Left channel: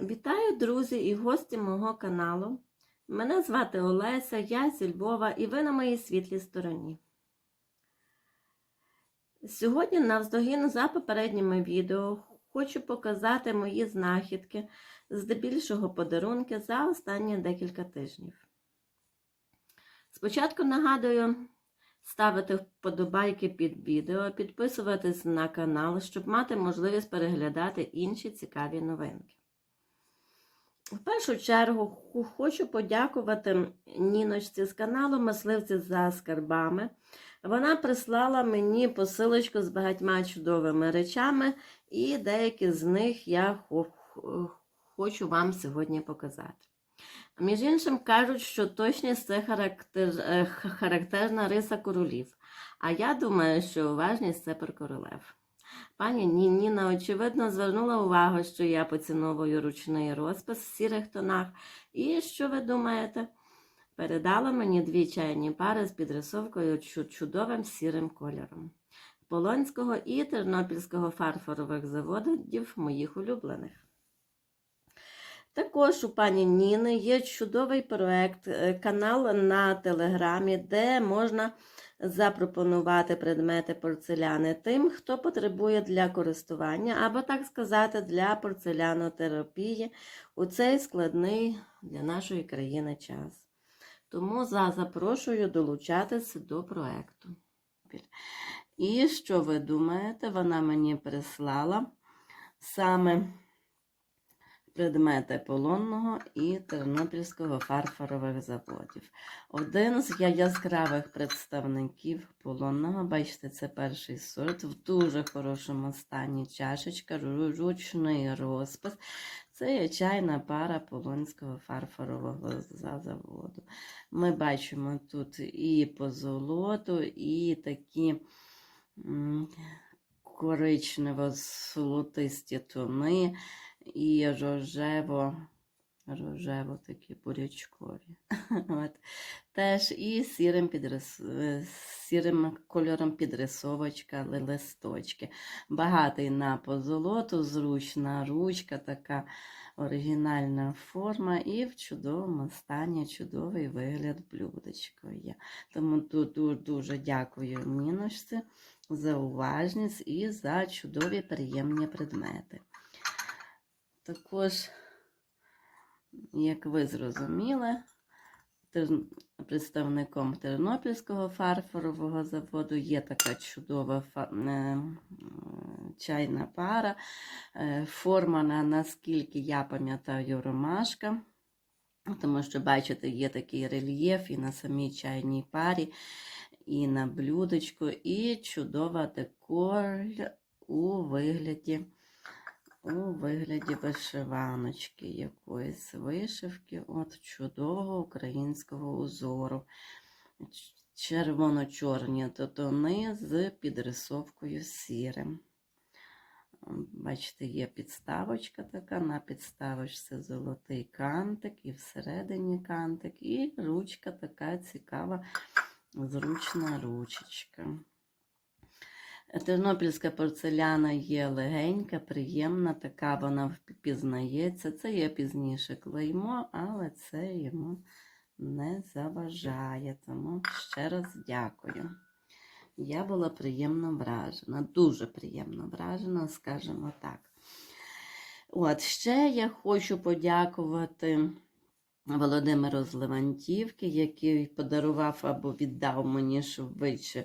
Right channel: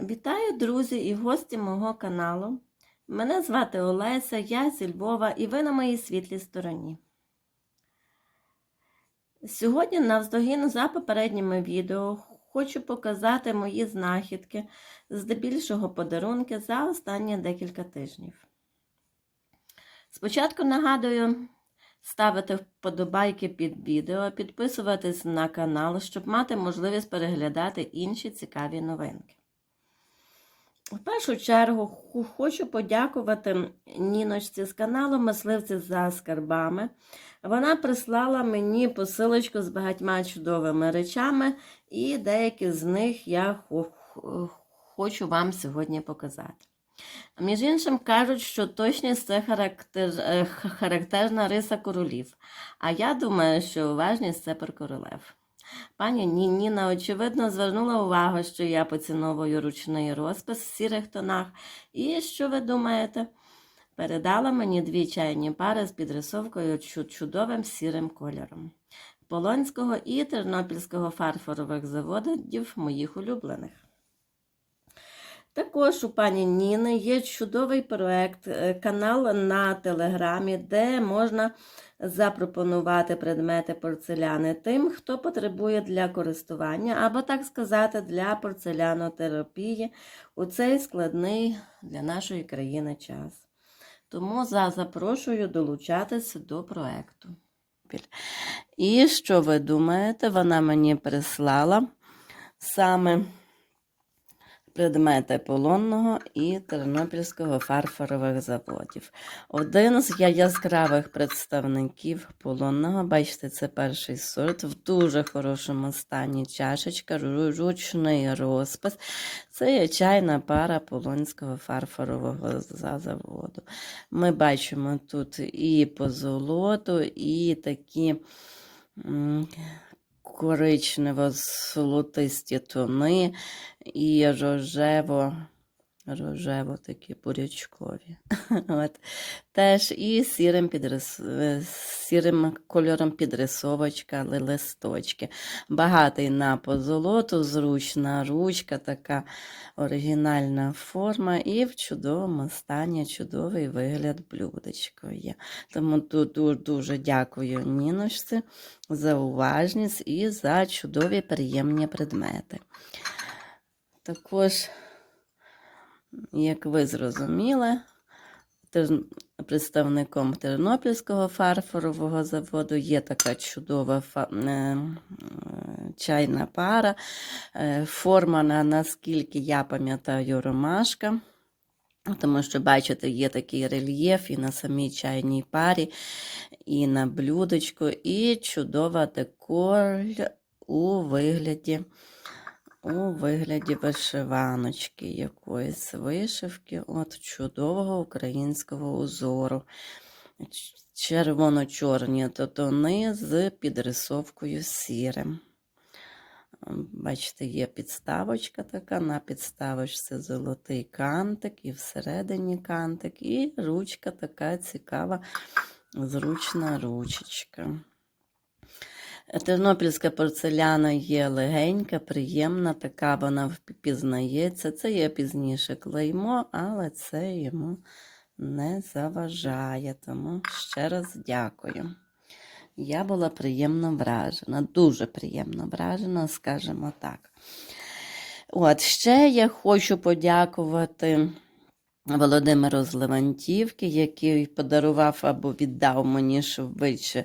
Вітаю, друзі і гості мого каналу. Мене звати Олеся, я зі Львова і ви на моїй світлій стороні. Сьогодні, навздогін за попередніми відео, хочу показати мої знахідки, здебільшого подарунки за останні декілька тижнів. Спочатку нагадую ставити вподобайки під відео, підписуватись на канал, щоб мати можливість переглядати інші цікаві новинки. В першу чергу хочу подякувати Ніночці з каналу Мисливці за скарбами. Вона прислала мені посилочку з багатьма чудовими речами, і деякі з них я хо- хо- хочу вам сьогодні показати. Між іншим кажуть, що точність це характер, е, характерна риса королів. А я думаю, що уважність це про королев. Пані Ніна, очевидно, звернула увагу, що я поціновую ручний розпис в сірих тонах. І що ви думаєте? Передала мені дві чайні пари з підрисовкою чудовим сірим кольором. Полонського і Тернопільського фарфорових заводів моїх улюблених. Також у пані Ніни є чудовий проект, е, канал на телеграмі, де можна запропонувати предмети порцеляни тим, хто потребує для користування, або, так сказати, для порцелянотерапії у цей складний для нашої країни час. Тому за запрошую долучатися до проекту. І що ви думаєте, вона мені прислала саме предмети полонного і Тернопільського фарфорових заводів. Один з яскравих представників полонного, бачите, це перший сорт, в дуже хорошому стані чашечка, ручний розпис. Це є чайна пара полонського фарфорового заводу. Ми бачимо тут і позолоту, і такі. М, Коричнево-золотисті тони і рожево, рожево такі бурячкові. От. Теж і сірим, підрис... е, сірим кольором підрисовочка, ли- листочки. Багатий на позолоту, зручна ручка, така оригінальна форма, і в чудовому стані чудовий вигляд блюдечко є. Тому дуже дякую Ніночці за уважність і за чудові приємні предмети. Також, як ви зрозуміли, представником Тернопільського фарфорового заводу є така чудова е, чайна пара, е, формана, наскільки я пам'ятаю, ромашка. Тому що, бачите, є такий рельєф і на самій чайній парі, і на блюдечку, і чудова декор у вигляді, у вигляді вишиваночки якоїсь вишивки, от чудового українського узору. Червоно-чорні то тони з підрисовкою сірим. Бачите, є підставочка така, на підставочці золотий кантик, і всередині кантик, і ручка така цікава, зручна ручечка. Тернопільська порцеляна є легенька, приємна, така вона впізнається. Це є пізніше клеймо, але це йому не заважає. Тому ще раз дякую. Я була приємно вражена, дуже приємно вражена, скажімо так. От ще я хочу подякувати Володимиру з Левантівки, який подарував або віддав мені швидше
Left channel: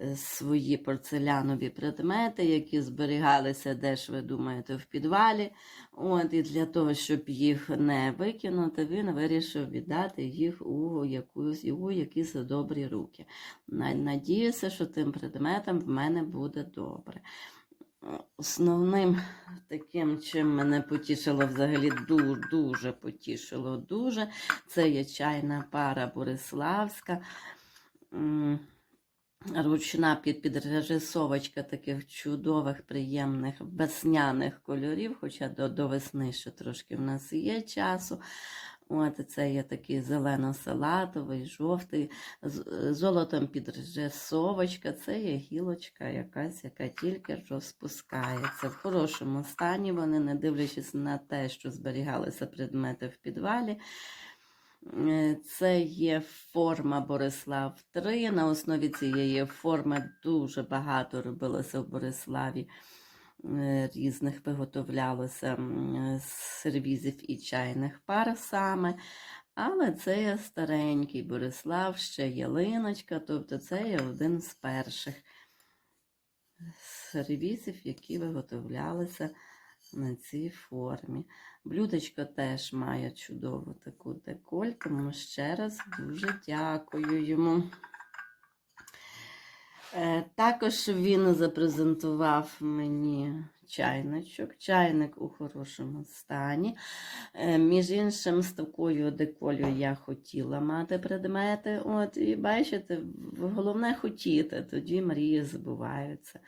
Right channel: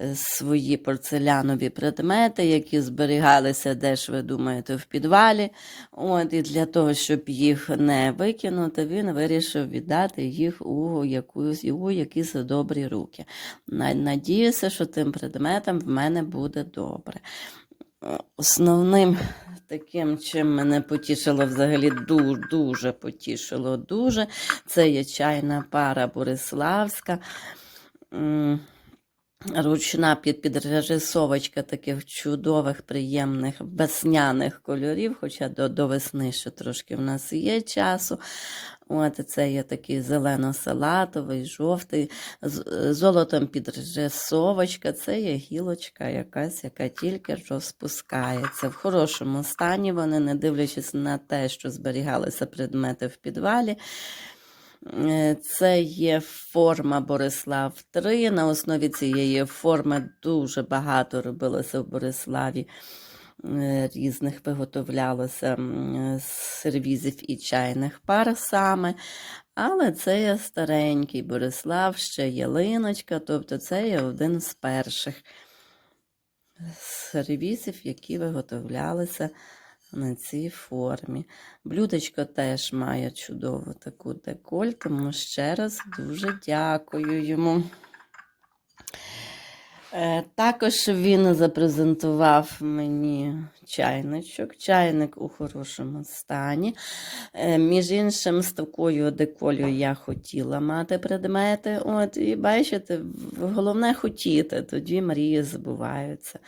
е, свої порцелянові предмети, які зберігалися, де ж ви думаєте, в підвалі. От, і для того, щоб їх не викинути, він вирішив віддати їх у якусь у якісь добрі руки. На- Надіюся, що тим предметом в мене буде добре. Основним таким, чим мене потішило взагалі дуже, дуже потішило дуже, це є чайна пара Бориславська. Ручна під, підрисовочка таких чудових, приємних весняних кольорів, хоча до, до весни ще трошки в нас є часу. От це є такий зелено-салатовий, жовтий, з золотом підрисовочка. Це є гілочка якась, яка тільки розпускається. В хорошому стані вони, не дивлячись на те, що зберігалися предмети в підвалі. Е, Це є форма Борислав 3. На основі цієї форми дуже багато робилося в Бориславі е, різних виготовлялося м, сервізів і чайних пар саме. Але це є старенький Борислав, ще ялиночка, тобто це є один з перших сервізів, які виготовлялися на цій формі. Блюдечко теж має чудову таку деколь, тому ще раз дуже дякую йому. Е, Також він запрезентував мені чайничок. Чайник у хорошому стані. Е, Між іншим, з такою деколью я хотіла мати предмети. От, і бачите, головне хотіти, тоді мрії збуваються.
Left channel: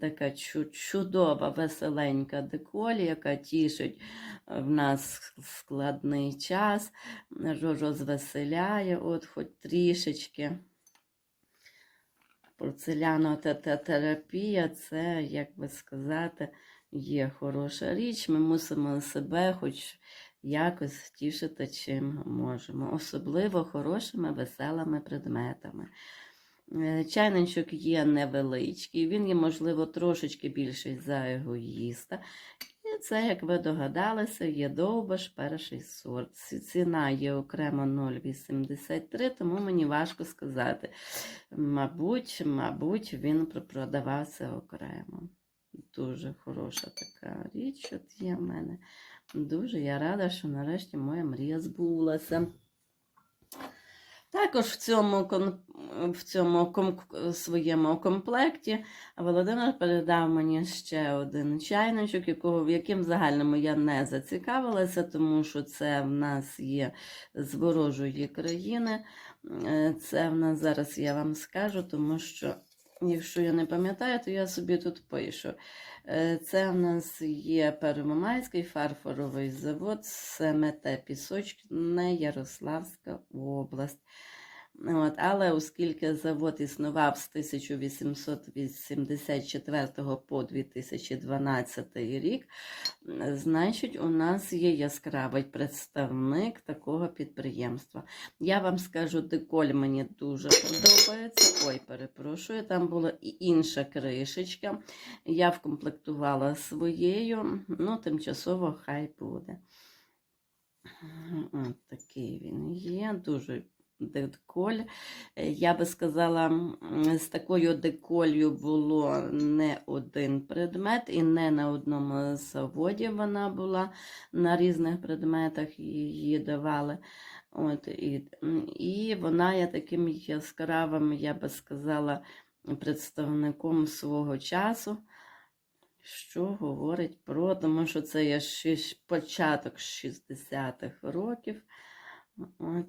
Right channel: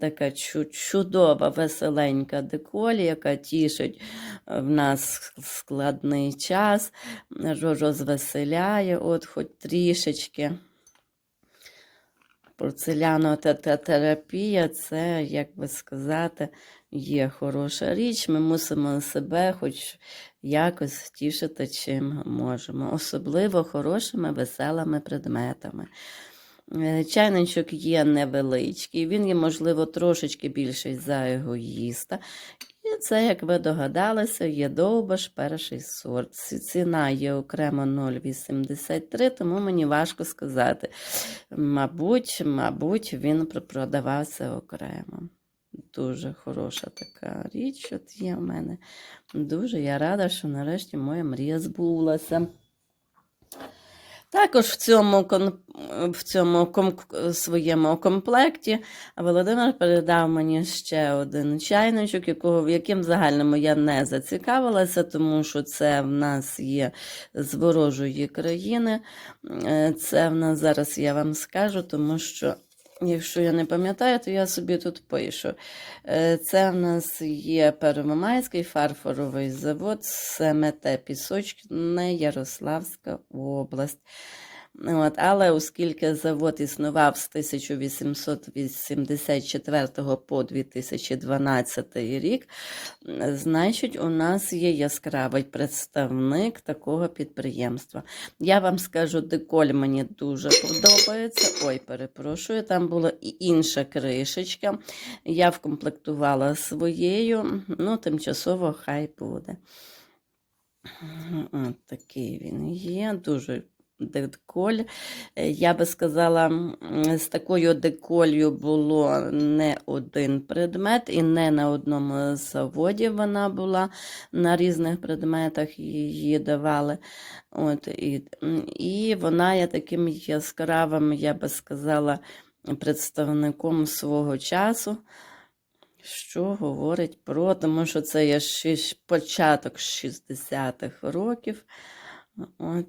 Така чудова, веселенька деколь, яка тішить е, в нас складний час, розвеселяє, от хоч трішечки. Порцелянотерапія це, як би сказати, є хороша річ. Ми мусимо себе хоч якось тішити, чим можемо, особливо хорошими, веселими предметами. Е, Чайничок є невеличкий, він є, можливо, трошечки більший за егоїста. Це, як ви догадалися, є довбаш перший сорт. Ціна є окремо 0,83, тому мені важко сказати. Мабуть, мабуть, він продавався окремо. Дуже хороша така річ от є в мене. Дуже я рада, що нарешті моя мрія збулася. Також в цьому, в цьому своєму комплекті Володимир передав мені ще один чайничок, якого, яким загальному я не зацікавилася, тому що це в нас є з ворожої країни. Е, Це в нас зараз я вам скажу, тому що. Якщо я не пам'ятаю, то я собі тут пишу. Е, Це в нас є Первомайський фарфоровий завод, СМТ Пісочне, Ярославська область. От, але оскільки завод існував з 1884 по 2012 рік, значить, у нас є яскравий представник такого підприємства. Я вам скажу, деколь мені дуже подобається. Ой, перепрошую, там була і інша кришечка. Я вкомплектувала своєю, ну, тимчасово хай буде. От такий він є, дуже деколь. Е, Я би сказала, з такою деколью було не один предмет, і не на одному заводі вона була, на різних предметах її давали. От, і, і вона є таким яскравим, я би сказала, представником свого часу. Що говорить про, тому що це є шиш- початок 60-х років. От,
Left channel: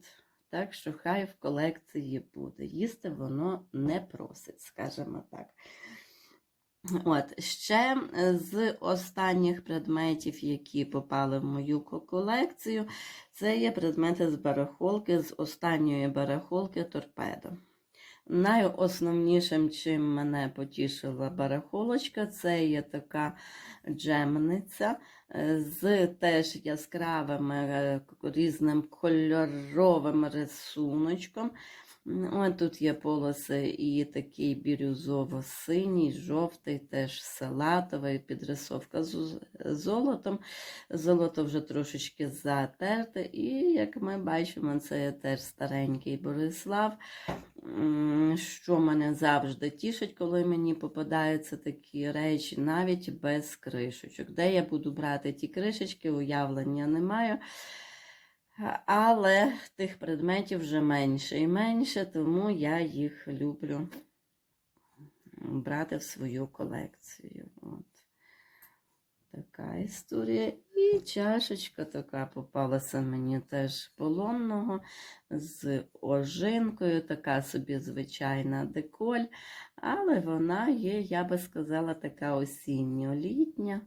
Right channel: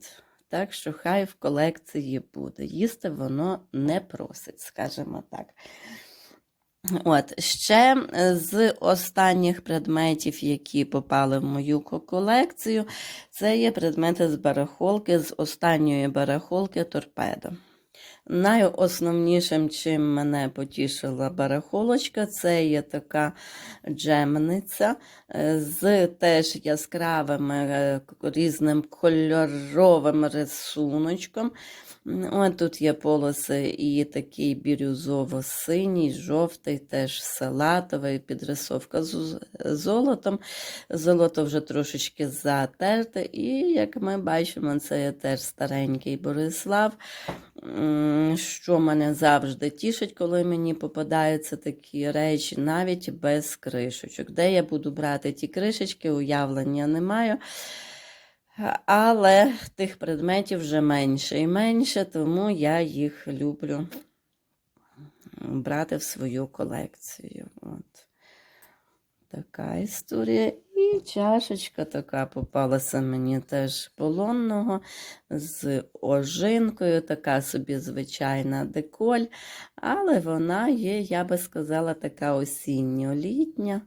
так що хай в колекції буде. Їсти воно не просить, скажімо так. От, ще е, з останніх предметів, які попали в мою колекцію, це є предмети з барахолки, з останньої барахолки торпедо. Найосновнішим, чим мене потішила барахолочка, це є така джемниця е, з теж яскравим е, різним кольоровим рисуночком. От тут є полоси і такий бірюзово-синій, жовтий, теж салатовий, підрисовка з золотом. Золото вже трошечки затерте, і як ми бачимо, це є теж старенький Борислав. Що мене завжди тішить, коли мені попадаються такі речі, навіть без кришечок. Де я буду брати ті кришечки, уявлення не маю. Але тих предметів вже менше і менше, тому я їх люблю брати в свою колекцію. От. Така історія. І чашечка така попалася мені теж полонного з ожинкою, така собі звичайна деколь, але вона є, я би сказала, така осінньо-літня.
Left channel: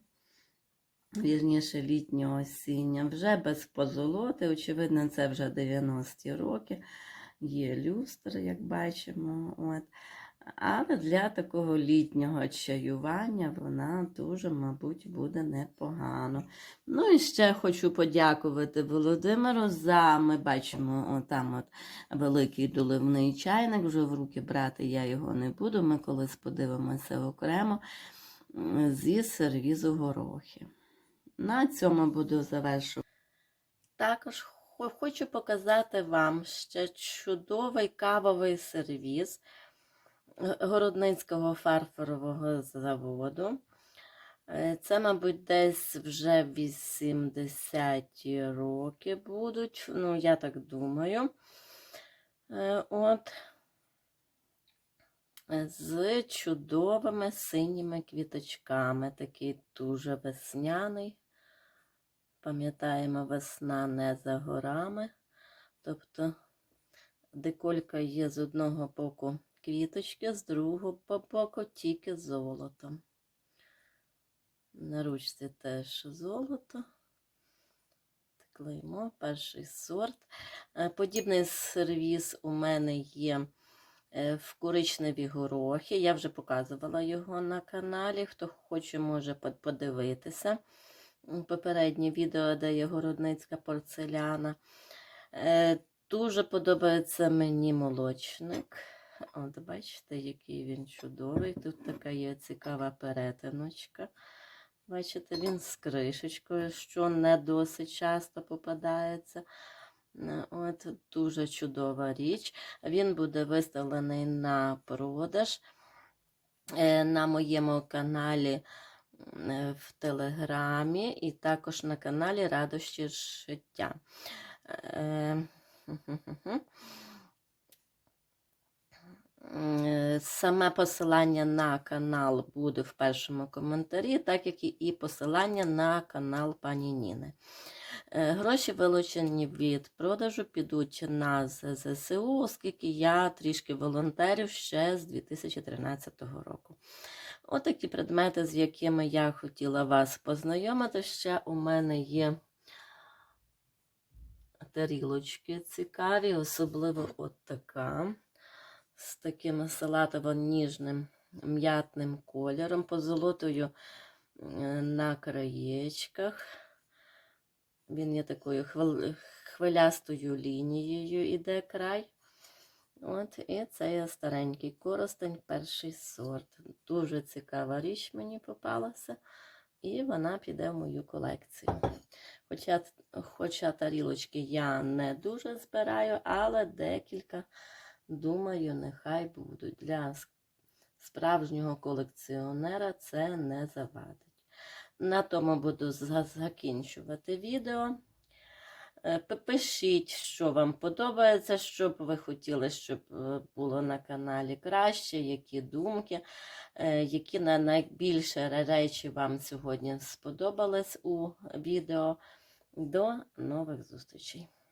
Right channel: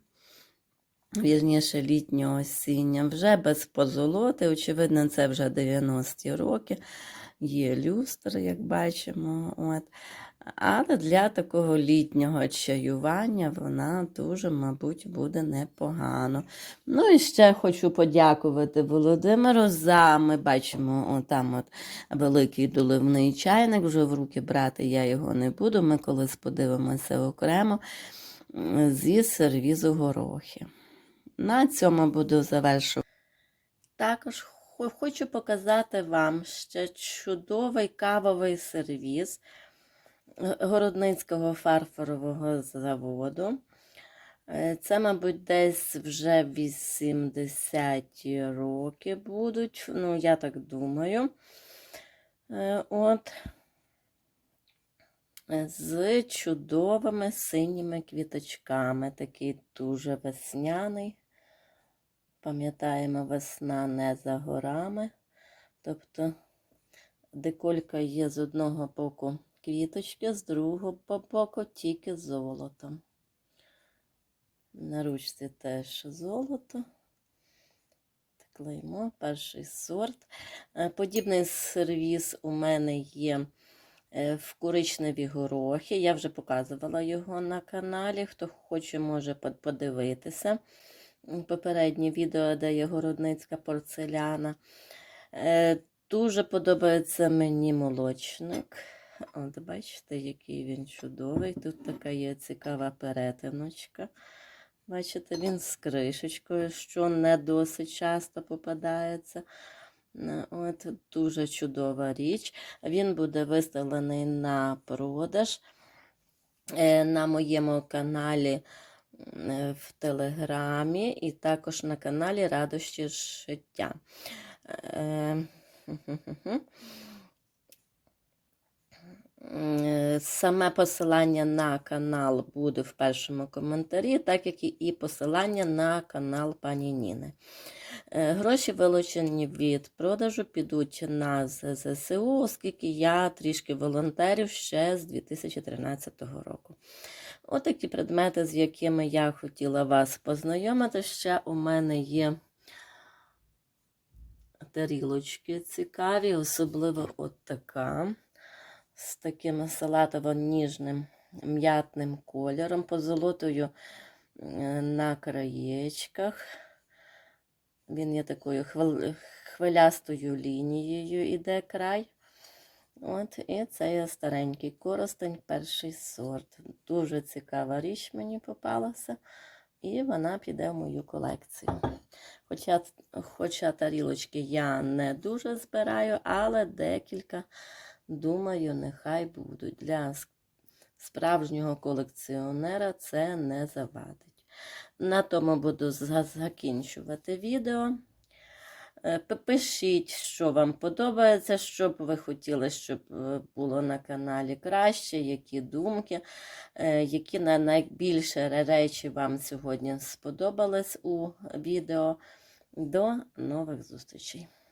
Вірніше літнього осіння, вже без позолоти. Очевидно, це вже 90-ті роки. Є люстр, як бачимо. От. Але для такого літнього чаювання вона дуже, мабуть, буде непогано. Ну і ще хочу подякувати Володимиру за, ми бачимо, отам от великий доливний чайник, вже в руки брати я його не буду. Ми колись подивимося окремо зі сервізу горохи. На цьому буду завершувати. Також хочу показати вам ще чудовий кавовий сервіз Городницького фарфорового заводу. Е, Це, мабуть, десь вже 80-ті роки будуть. Ну, я так думаю. Е, От. Е, З чудовими синіми квіточками. Такий дуже весняний. Пам'ятаємо, весна не за горами. Тобто деколька є з одного боку квіточки, з другого боку тільки золотом. На ручці теж золото. Клеймо, перший сорт. Е, Подібний сервіс у мене є е, в коричневі горохи. Я вже показувала його на каналі. Хто хоче, може подивитися. Попереднє відео, де є городницька порцеляна. Е, Дуже подобається мені молочник. От бачите, який він чудовий. Тут така є цікава перетиночка. Бачите, він з кришечкою, що не досить часто попадається. Е, От дуже чудова річ. Він буде виставлений на продаж е, на моєму каналі в Телеграмі і також на каналі Радощі життя. Е. Е, Саме посилання на канал буде в першому коментарі, так як і посилання на канал пані Ніни. Е, Гроші, вилучені від продажу, підуть на ЗСУ, оскільки я трішки волонтерів ще з 2013 року. Отакі предмети, з якими я хотіла вас познайомити. Ще у мене є тарілочки цікаві, особливо от така з таким салатово-ніжним м'ятним кольором, позолотою е, на краєчках. Він є такою хвилястою лінією іде край. От, і це є старенький коростень, перший сорт. Дуже цікава річ мені попалася, і вона піде в мою колекцію. Хоча, хоча тарілочки я не дуже збираю, але декілька, думаю, нехай будуть. Для справжнього колекціонера це не завадить. На тому буду закінчувати відео. Е, Пишіть, що вам подобається, що б ви хотіли, щоб е, було на каналі краще, які думки, е, які на- найбільше речі вам сьогодні сподобались у відео. До нових зустрічей!